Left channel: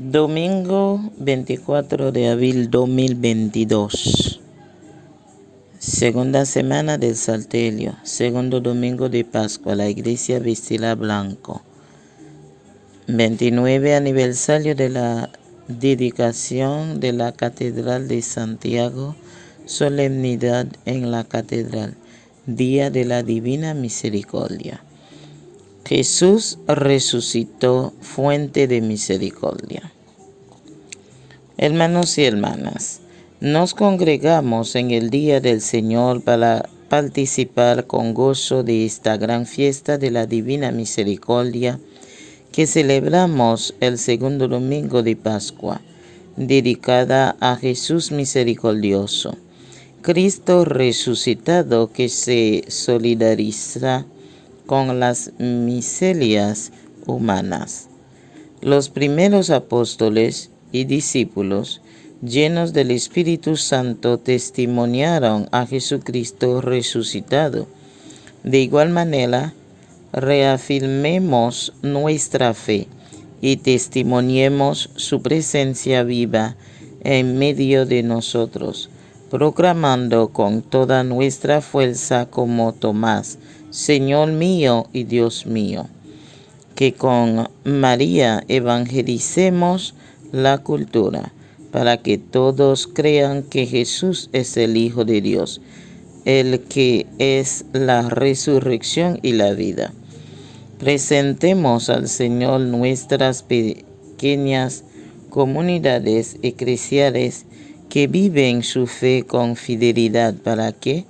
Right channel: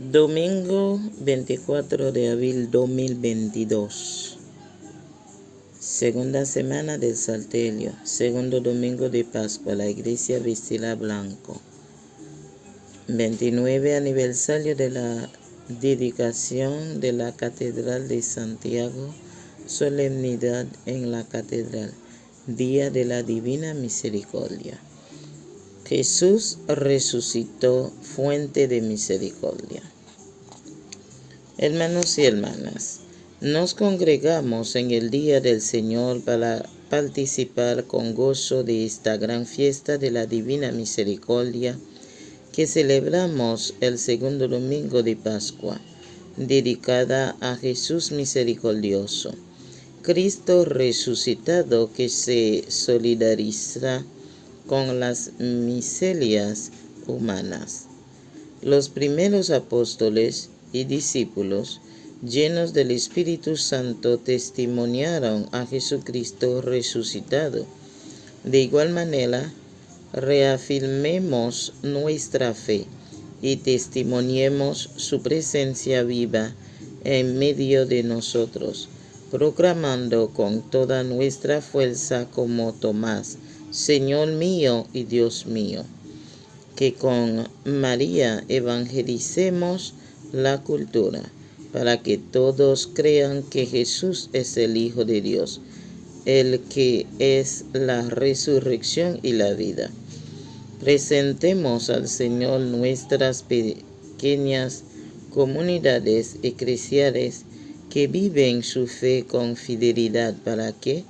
Domingo 24 de abril 2022. Segunda semana del Salterio. Segundo domingo de Pascua. La iglesia vestirá blanco. 29 aniversario de la dedicación de la Catedral de Santiago. Solemnidad en la Catedral. Día de la Divina Misericordia. Jesús resucitó, fuente de misericordia. Hermanos y hermanas, nos congregamos en el día del Señor para participar con gozo de esta gran fiesta de la Divina Misericordia que celebramos el segundo domingo de Pascua, dedicada a Jesús misericordioso, Cristo resucitado que se solidariza con las miserias humanas. Los primeros apóstoles y discípulos, llenos del Espíritu Santo, testimoniaron a Jesucristo resucitado. De igual manera, reafirmemos nuestra fe y testimoniemos su presencia viva en medio de nosotros, proclamando con toda nuestra fuerza como Tomás: Señor mío y Dios mío. Que con María evangelicemos la cultura, para que todos crean que Jesús es el Hijo de Dios, el que es la resurrección y la vida. Presentemos al Señor nuestras pequeñas comunidades eclesiales que viven su fe con fidelidad, para que,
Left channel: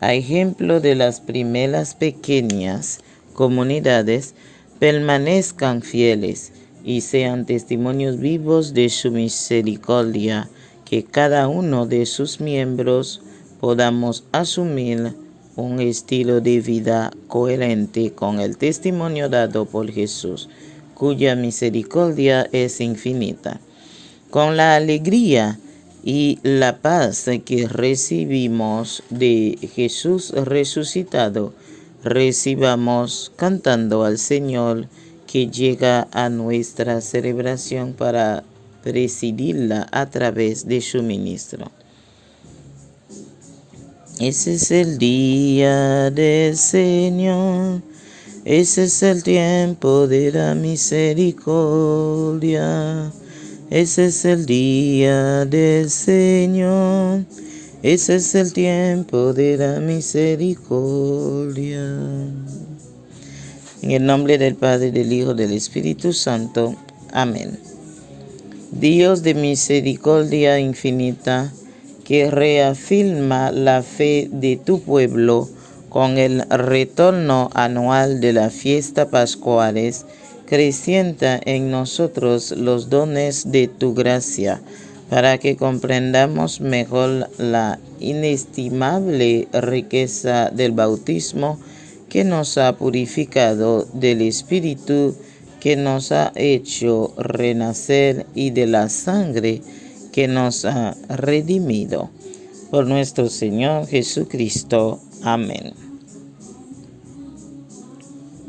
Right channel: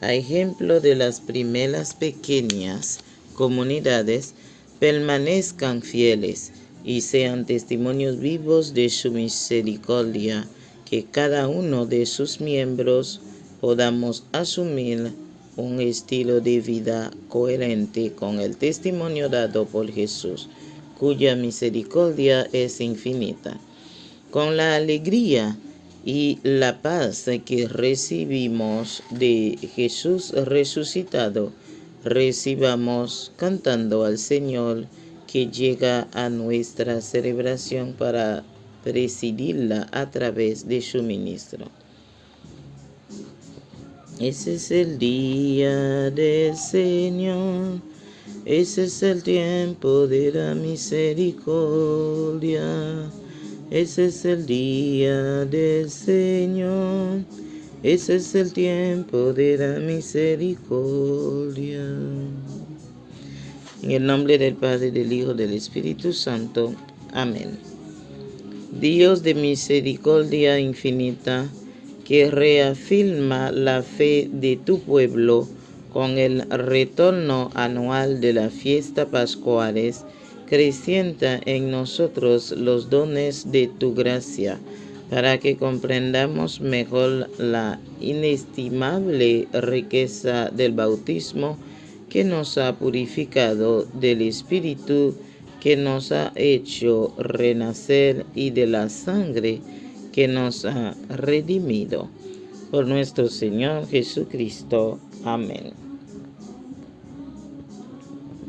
a ejemplo de las primeras pequeñas comunidades, permanezcan fieles y sean testimonios vivos de su misericordia, que cada uno de sus miembros podamos asumir un estilo de vida coherente con el testimonio dado por Jesús, cuya misericordia es infinita. Con la alegría y la paz que recibimos de Jesús resucitado, recibamos cantando al Señor que llega a nuestra celebración para presidirla a través de su ministro. Ese es el día del Señor, ese es el tiempo de la misericordia. Ese es el día del Señor, ese es el tiempo de la misericordia. En el nombre del Padre, del Hijo, del Espíritu Santo. Amén. Dios de misericordia infinita, que reafirma la fe de tu pueblo con el retorno anual de la fiesta pascuales, acrecienta en nosotros los dones de tu gracia, para que comprendamos mejor la inestimable riqueza del bautismo que nos ha purificado, del Espíritu que nos ha hecho renacer y de la sangre que nos ha redimido. Por nuestro Señor Jesucristo. Amén.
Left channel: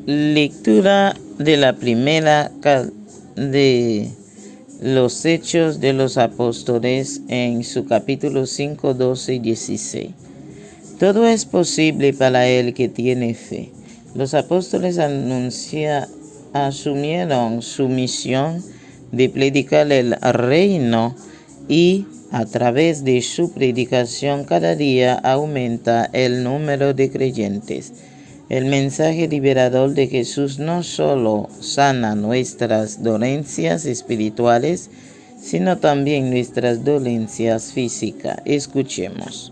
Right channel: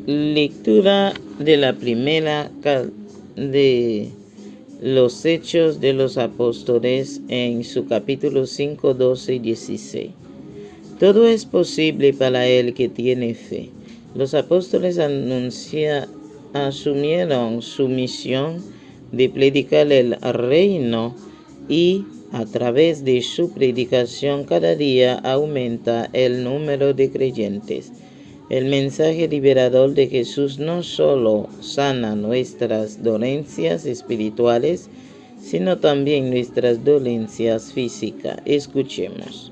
Lectura de la primera de los Hechos de los Apóstoles en su capítulo 5, 12 y 16. Todo es posible para el que tiene fe. Los apóstoles asumieron su misión de predicar el reino y a través de su predicación cada día aumenta el número de creyentes. El mensaje liberador de Jesús no solo sana nuestras dolencias espirituales, sino también nuestras dolencias físicas. Escuchemos.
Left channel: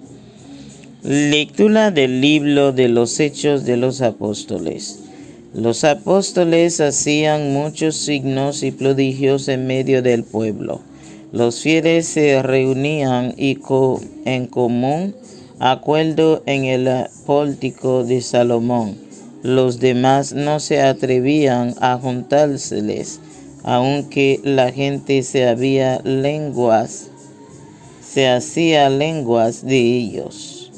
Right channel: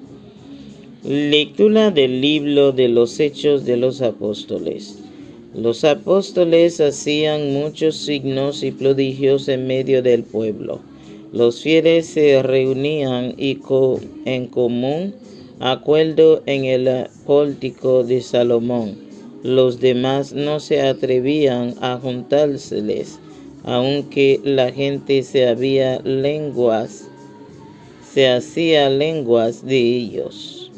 Lectura del libro de los Hechos de los Apóstoles. Los apóstoles hacían muchos signos y prodigios en medio del pueblo. Los fieles se reunían y en común acuerdo en el pórtico de Salomón. Los demás no se atrevían a juntárseles, aunque la gente se hacía lenguas de ellos.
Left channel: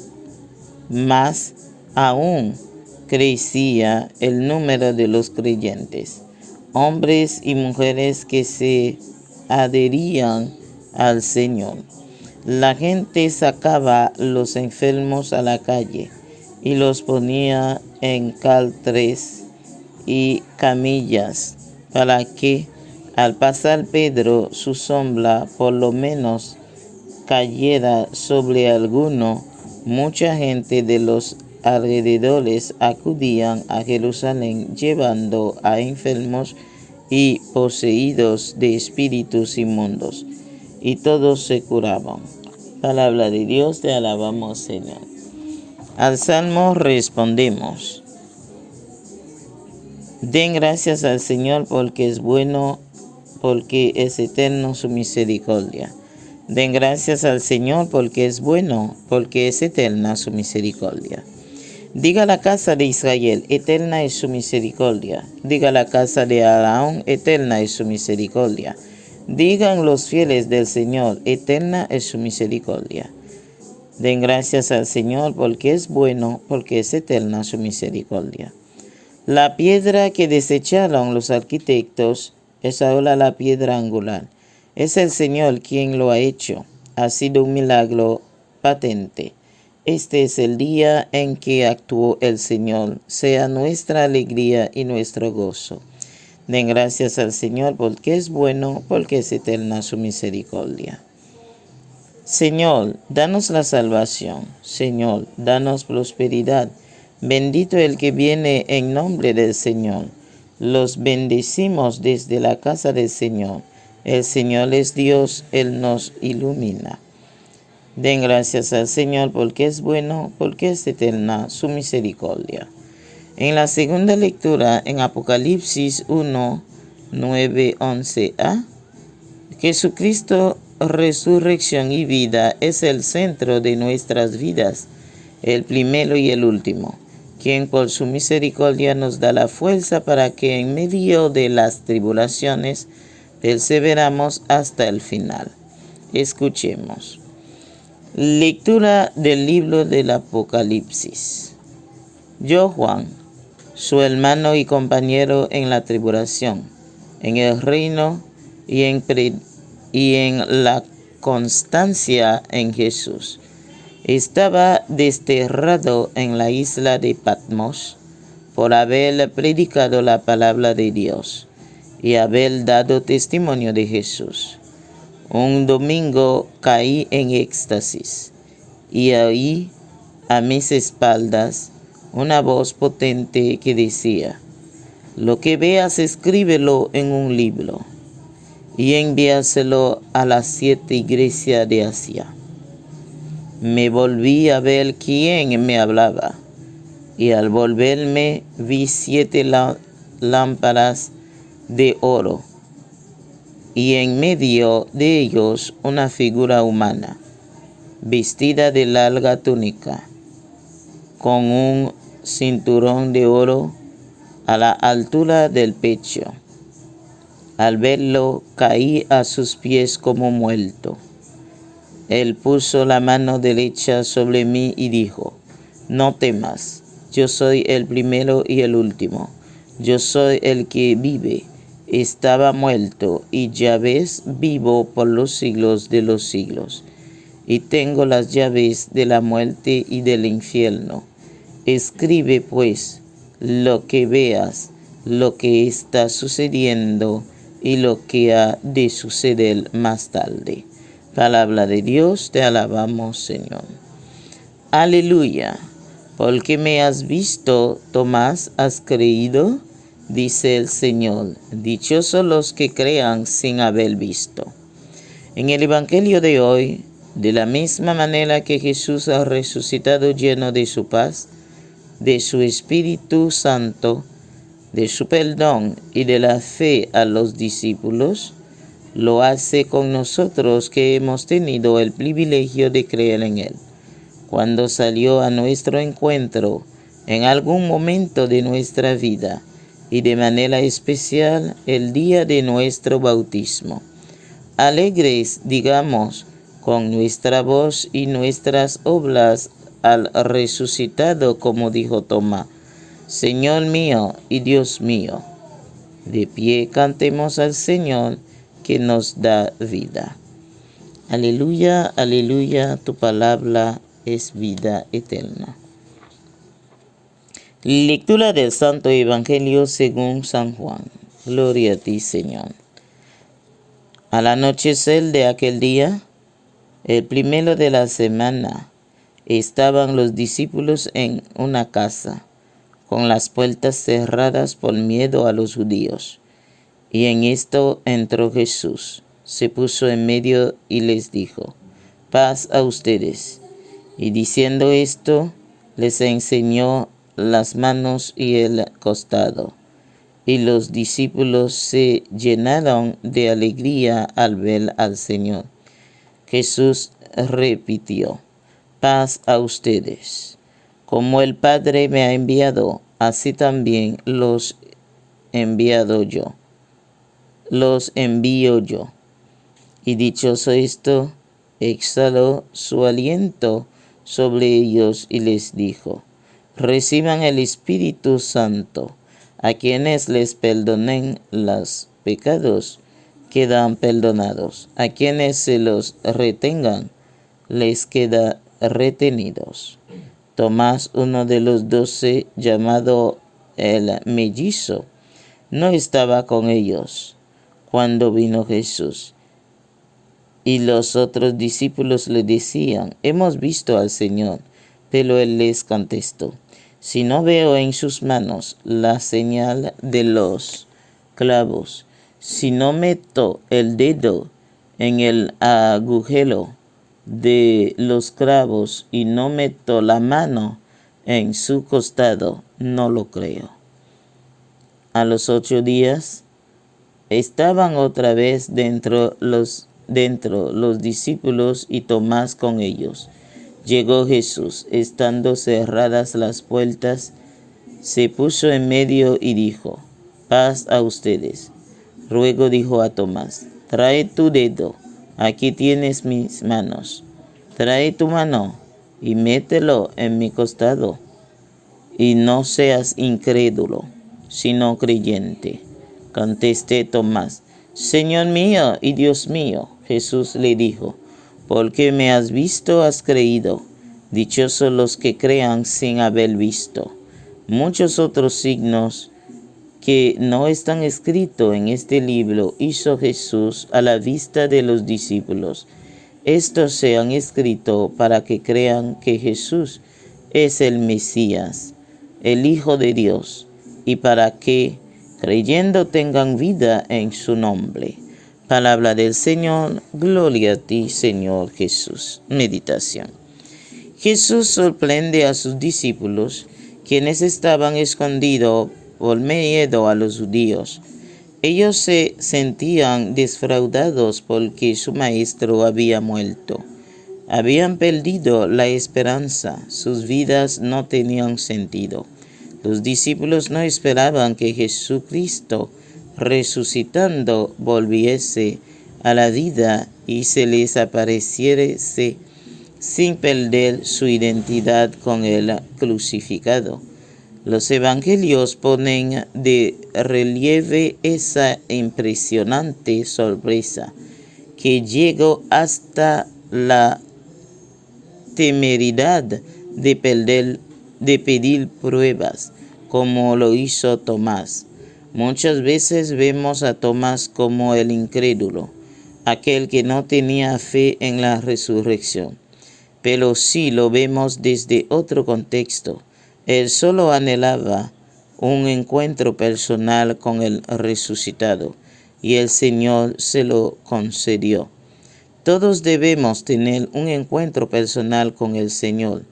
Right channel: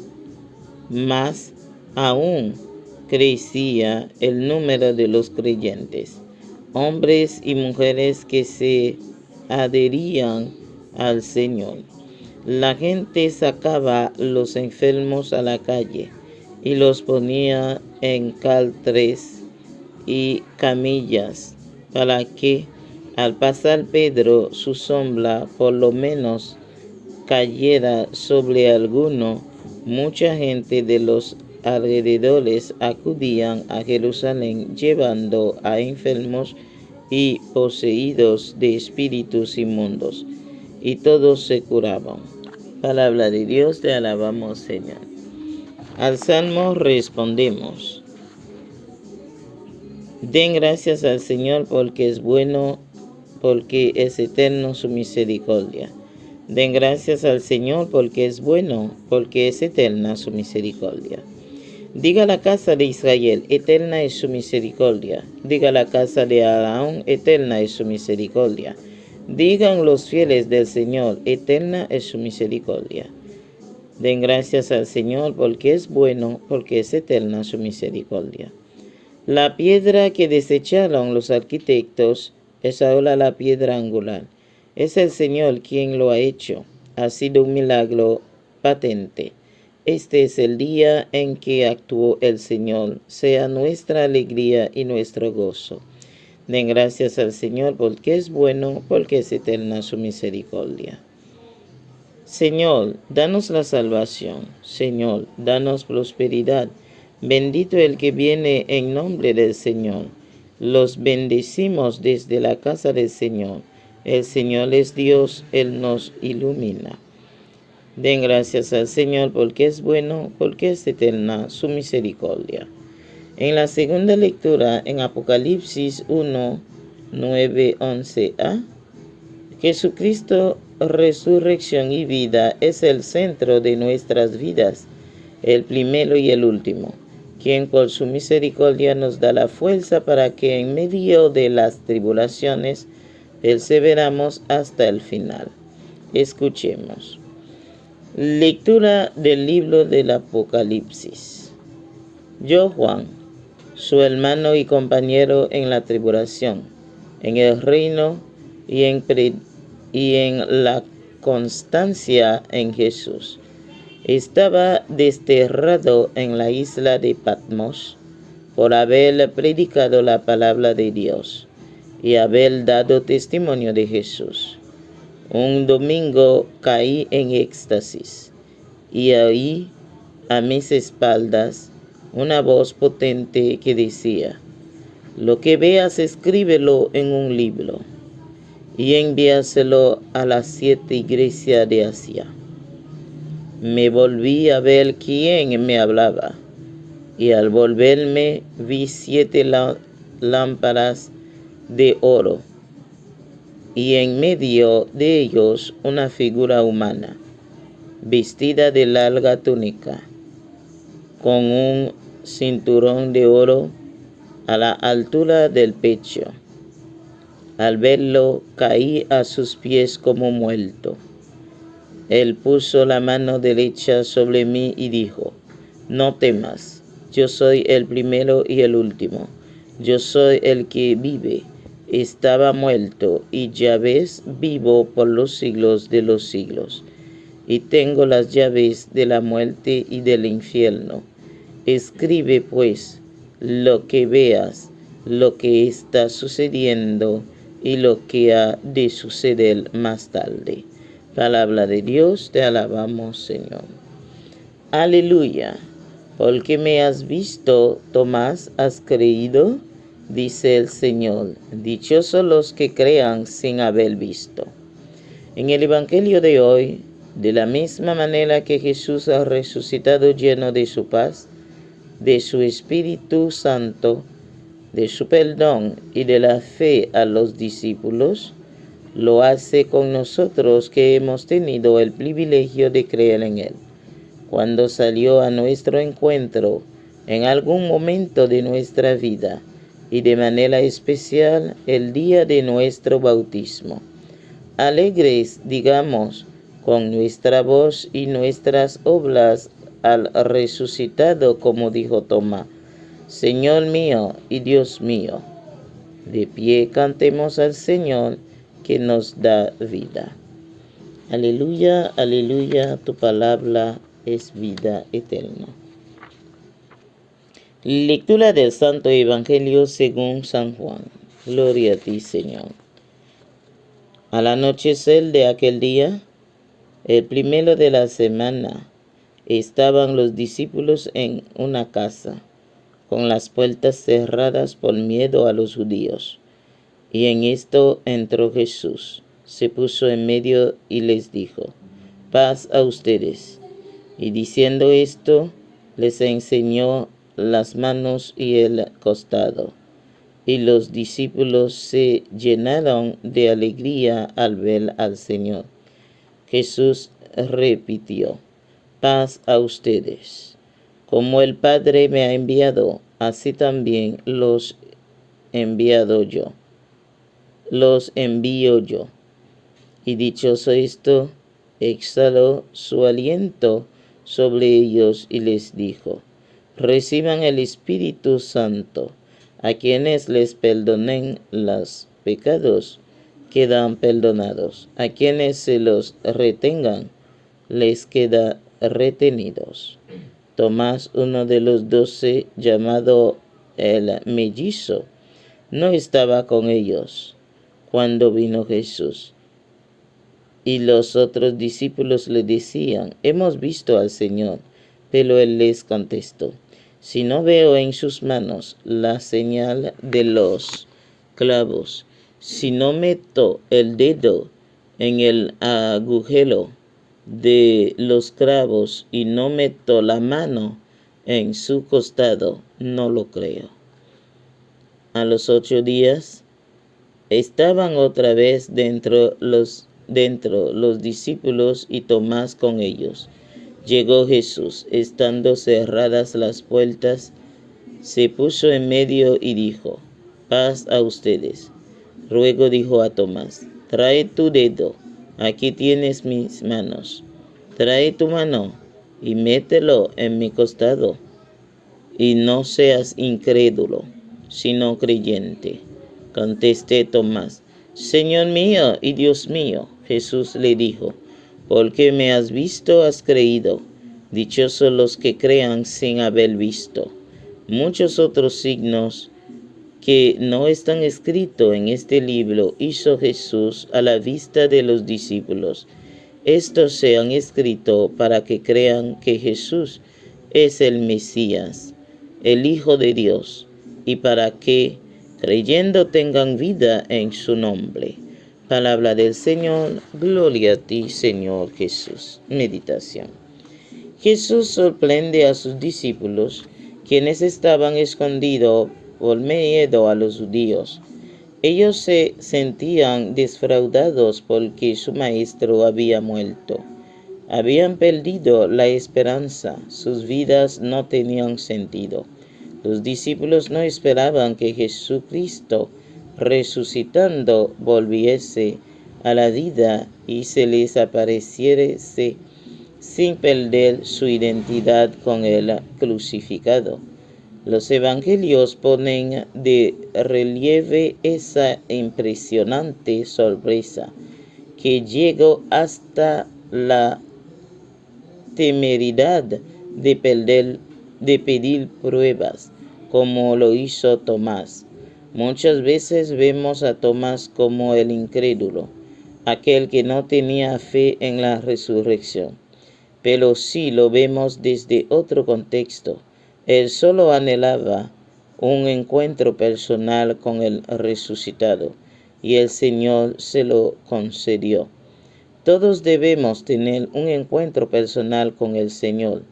Más aún crecía el número de los creyentes, hombres y mujeres que se adherían al Señor. La gente sacaba los enfermos a la calle y los ponía en caltres y camillas para que al pasar Pedro su sombra por lo menos cayera sobre alguno. Mucha gente de los alrededores acudían a Jerusalén llevando a enfermos y poseídos de espíritus inmundos, y todos se curaban. Palabra de Dios, te alabamos, Señor. Al salmo respondemos: den gracias al Señor porque es bueno, porque es eterno su misericordia. Den gracias al Señor porque es bueno, porque es eterna su misericordia. Diga la casa de Israel, eterna es su misericordia. Diga la casa de Aarón, eterna es su misericordia. Digan los fieles del Señor, eterna es su misericordia. Den gracias al Señor porque es bueno, porque es eterna su misericordia. La piedra que desecharon los arquitectos es ahora la piedra angular. Es el Señor quien lo ha hecho. Ha sido un milagro patente. Este es el día en que actuó el Señor. Sea nuestra alegría y nuestro gozo. Den gracias al Señor porque es bueno, porque es eterna su misericordia. Señor, danos la salvación. Señor, danos prosperidad. Bendito el que viene en nombre del Señor. Los bendecimos desde la casa del Señor. El Señor es Dios, Él nos ilumina. Den gracias al Señor porque es bueno, porque es eterna su misericordia. En la segunda lectura, en Apocalipsis 1, 9, 11a, Jesucristo, resurrección y vida, es el centro de nuestras vidas, el primero y el último, quien por su misericordia nos da la fuerza para que en medio de las tribulaciones perseveramos hasta el final. Escuchemos. Lectura del libro del Apocalipsis. Yo, Juan, su hermano y compañero en la tribulación, en el reino y en la constancia en Jesús. Estaba desterrado en la isla de Patmos por haber predicado la palabra de Dios y haber dado testimonio de Jesús. Un domingo caí en éxtasis y oí a mis espaldas una voz potente que decía: lo que veas, escríbelo en un libro y envíaselo a las 7 iglesias de Asia. Me volví a ver quién me hablaba, y al volverme vi 7 lámparas de oro, y en medio de ellos una figura humana, vestida de larga túnica, con un cinturón de oro a la altura del pecho. Al verlo, caí a sus pies como muerto. Él puso la mano derecha sobre mí y dijo: no temas, yo soy el primero y el último. Yo soy el que vive. Estaba muerto, y ya ves, vivo por los siglos de los siglos. Y tengo las llaves de la muerte y del infierno. Escribe, pues, lo que veas, lo que está sucediendo y lo que ha de suceder más tarde. Palabra de Dios, te alabamos, Señor. Aleluya. Porque me has visto, Tomás, has creído, dice el Señor. Dichosos los que crean sin haber visto. En el Evangelio de hoy, de la misma manera que Jesús ha resucitado lleno de su paz, de su Espíritu Santo, de su perdón y de la fe a los discípulos, lo hace con nosotros que hemos tenido el privilegio de creer en Él. Cuando salió a nuestro encuentro en algún momento de nuestra vida, y de manera especial el día de nuestro bautismo. Alegres, digamos, con nuestra voz y nuestras obras al resucitado, como dijo Tomás: Señor mío y Dios mío. De pie cantemos al Señor que nos da vida. Aleluya, aleluya, tu palabra es vida eterna. Lectura del Santo Evangelio según San Juan. Gloria a ti, Señor. Al anochecer de aquel día, el primero de la semana, estaban los discípulos en una casa, con las puertas cerradas por miedo a los judíos. Y en esto entró Jesús, se puso en medio y les dijo: paz a ustedes. Y diciendo esto, les enseñó las manos y el costado. Y los discípulos se llenaron de alegría al ver al Señor. Jesús repitió: paz a ustedes. Como el Padre me ha enviado, así también los envío yo. Y dichoso esto, exhaló su aliento sobre ellos y les dijo: reciban el Espíritu Santo. A quienes les perdonen los pecados, quedan perdonados. A quienes se los retengan, les queda retenidos. Tomás, uno de los 12, llamado el mellizo, no estaba con ellos cuando vino Jesús. Y los otros discípulos le decían: hemos visto al Señor. Pero él les contestó: si no veo en sus manos la señal de los clavos, si no meto el dedo en el agujero de los clavos y no meto la mano en su costado, no lo creo. A los 8 días estaban otra vez dentro los discípulos y Tomás con ellos. Llegó Jesús, estando cerradas las puertas, se puso en medio y dijo: paz a ustedes. Luego dijo a Tomás: trae tu dedo, aquí tienes mis manos. Trae tu mano y mételo en mi costado. Y no seas incrédulo, sino creyente. Contesté Tomás: Señor mío y Dios mío. Jesús le dijo: porque me has visto, has creído. Dichosos los que crean sin haber visto. Muchos otros signos que no están escritos en este libro hizo Jesús a la vista de los discípulos. Estos se han escrito para que crean que Jesús es el Mesías, el Hijo de Dios, y para que, creyendo, tengan vida en su nombre. Palabra del Señor. Gloria a ti, Señor Jesús. Meditación. Jesús sorprende a sus discípulos, quienes estaban escondidos por miedo a los judíos. Ellos se sentían defraudados porque su maestro había muerto. Habían perdido la esperanza, sus vidas no tenían sentido. Los discípulos no esperaban que Jesucristo, resucitando, volviese a la vida y se les apareciese sin perder su identidad con el crucificado. Los evangelios ponen de relieve esa impresionante sorpresa, que llegó hasta la temeridad de pedir pruebas, como lo hizo Tomás. Muchas veces vemos a Tomás como el incrédulo, aquel que no tenía fe en la resurrección. Pero sí lo vemos desde otro contexto. Él solo anhelaba un encuentro personal con el resucitado, y el Señor se lo concedió. Todos debemos tener un encuentro personal con el Señor.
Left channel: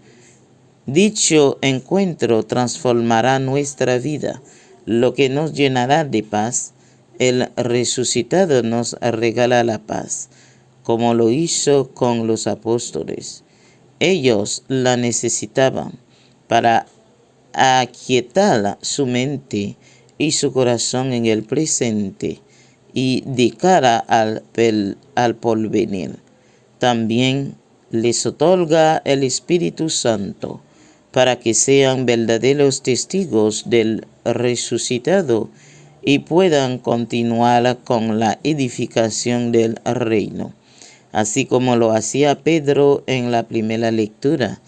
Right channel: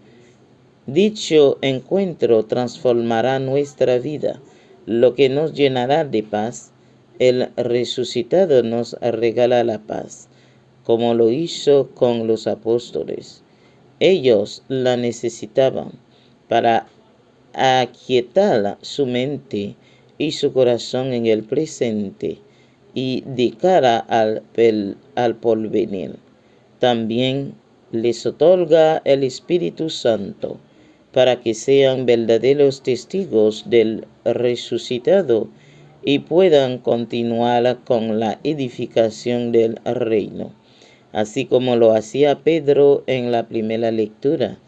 Dicho encuentro transformará nuestra vida, lo que nos llenará de paz. El resucitado nos regala la paz, como lo hizo con los apóstoles. Ellos la necesitaban para aquietar su mente y su corazón en el presente y de cara al porvenir. También les otorga el Espíritu Santo para que sean verdaderos testigos del resucitado y puedan continuar con la edificación del reino, así como lo hacía Pedro en la primera lectura,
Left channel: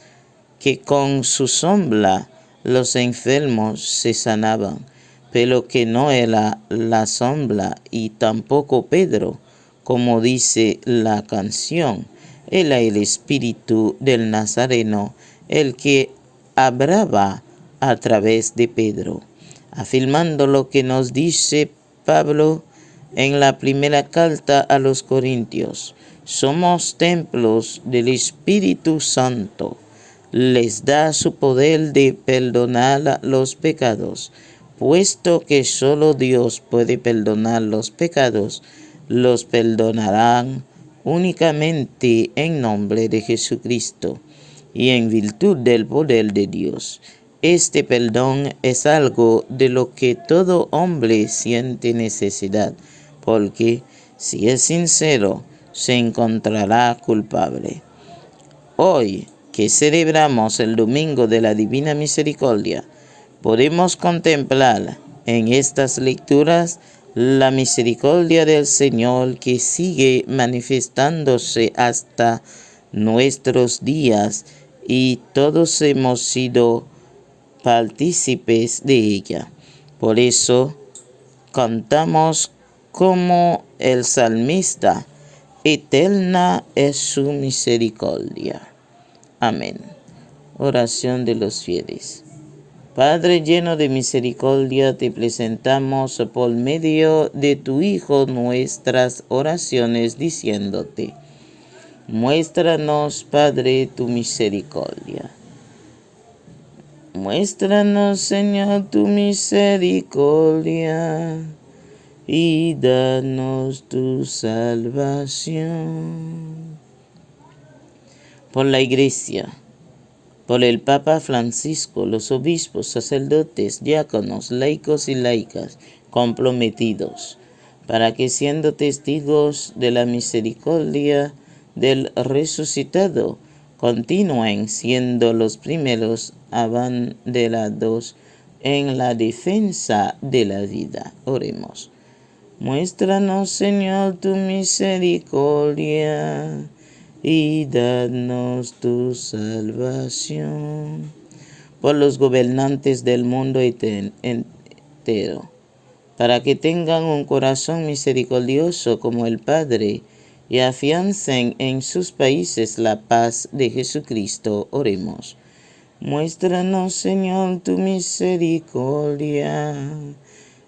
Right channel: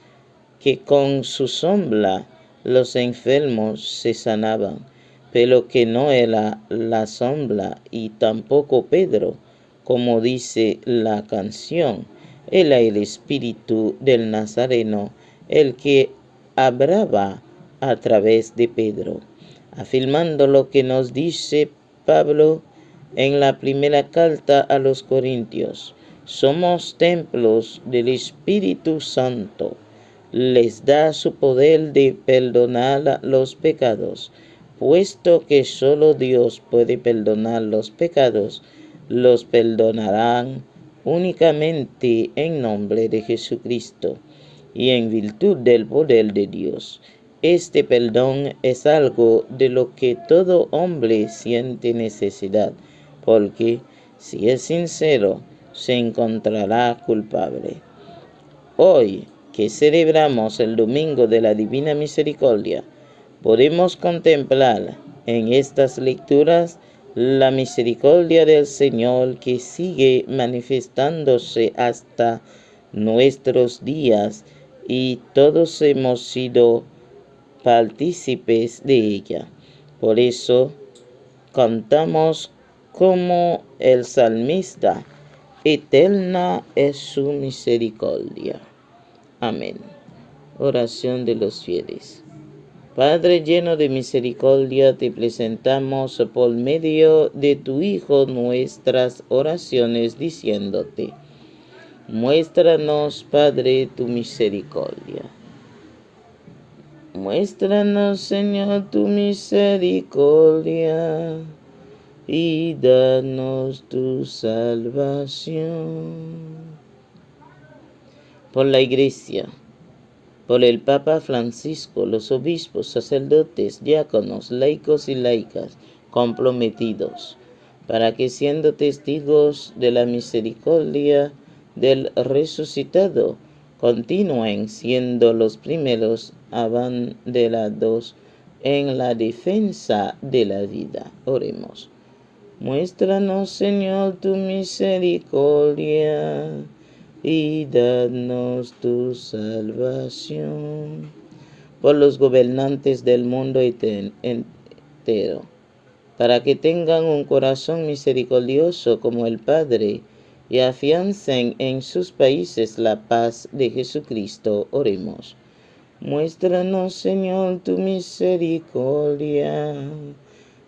que con su sombra los enfermos se sanaban, pero que no era la sombra y tampoco Pedro, como dice la canción, era el espíritu del Nazareno el que hablaba a través de Pedro, afirmando lo que nos dice Pablo en la primera carta a los Corintios. Somos templos del Espíritu Santo. Les da su poder de perdonar los pecados. Puesto que solo Dios puede perdonar los pecados, los perdonarán únicamente en nombre de Jesucristo y en virtud del poder de Dios. Este perdón es algo de lo que todo hombre siente necesidad, porque si es sincero, se encontrará culpable. Hoy, que celebramos el Domingo de la Divina Misericordia, podemos contemplar en estas lecturas la misericordia del Señor que sigue manifestándose hasta nuestros días y todos hemos sido partícipes de ella. Por eso cantamos como el salmista: eterna es su misericordia. Amén. Oración de los fieles. Padre lleno de misericordia, te presentamos por medio de tu Hijo nuestras oraciones diciéndote: muéstranos, Padre, tu misericordia. Muéstranos, Señor, tu misericordia y danos tu salvación. Por la Iglesia, por el Papa Francisco, los obispos, sacerdotes, diáconos, laicos y laicas comprometidos, para que siendo testigos de la misericordia del resucitado, continúen siendo los primeros abanderados en la defensa de la vida. Oremos. Muéstranos, Señor, tu misericordia y danos tu salvación. Por los gobernantes del mundo entero, para que tengan un corazón misericordioso como el Padre y afiancen en sus países la paz de Jesucristo. Oremos. Muéstranos, Señor, tu misericordia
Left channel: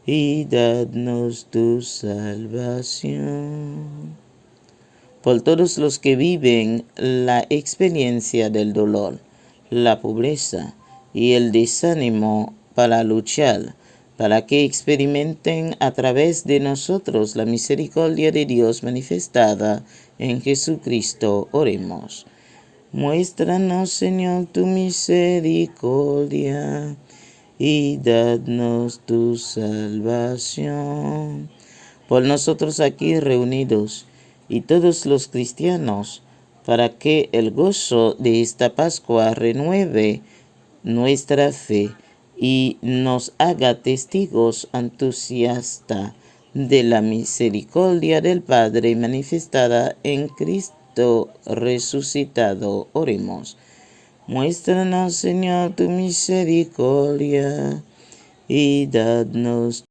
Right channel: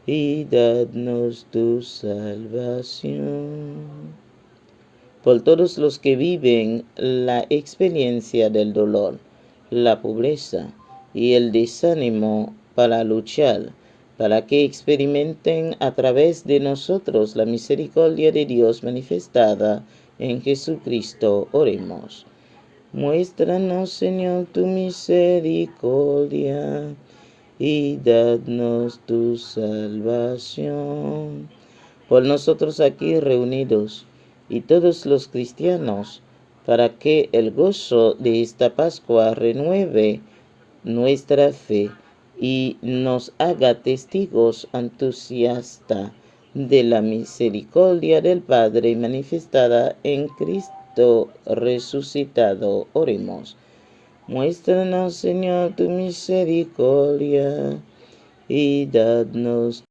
y danos tu salvación. Por todos los que viven la experiencia del dolor, la pobreza y el desánimo para luchar, para que experimenten a través de nosotros la misericordia de Dios manifestada en Jesucristo. Oremos. Muéstranos, Señor, tu misericordia y dadnos tu salvación. Por nosotros aquí reunidos y todos los cristianos, para que el gozo de esta Pascua renueve nuestra fe y nos haga testigos entusiastas de la misericordia del Padre manifestada en Cristo resucitado. Oremos. Muéstranos, Señor, tu misericordia y dadnos.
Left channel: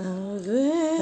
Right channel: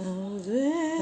Ave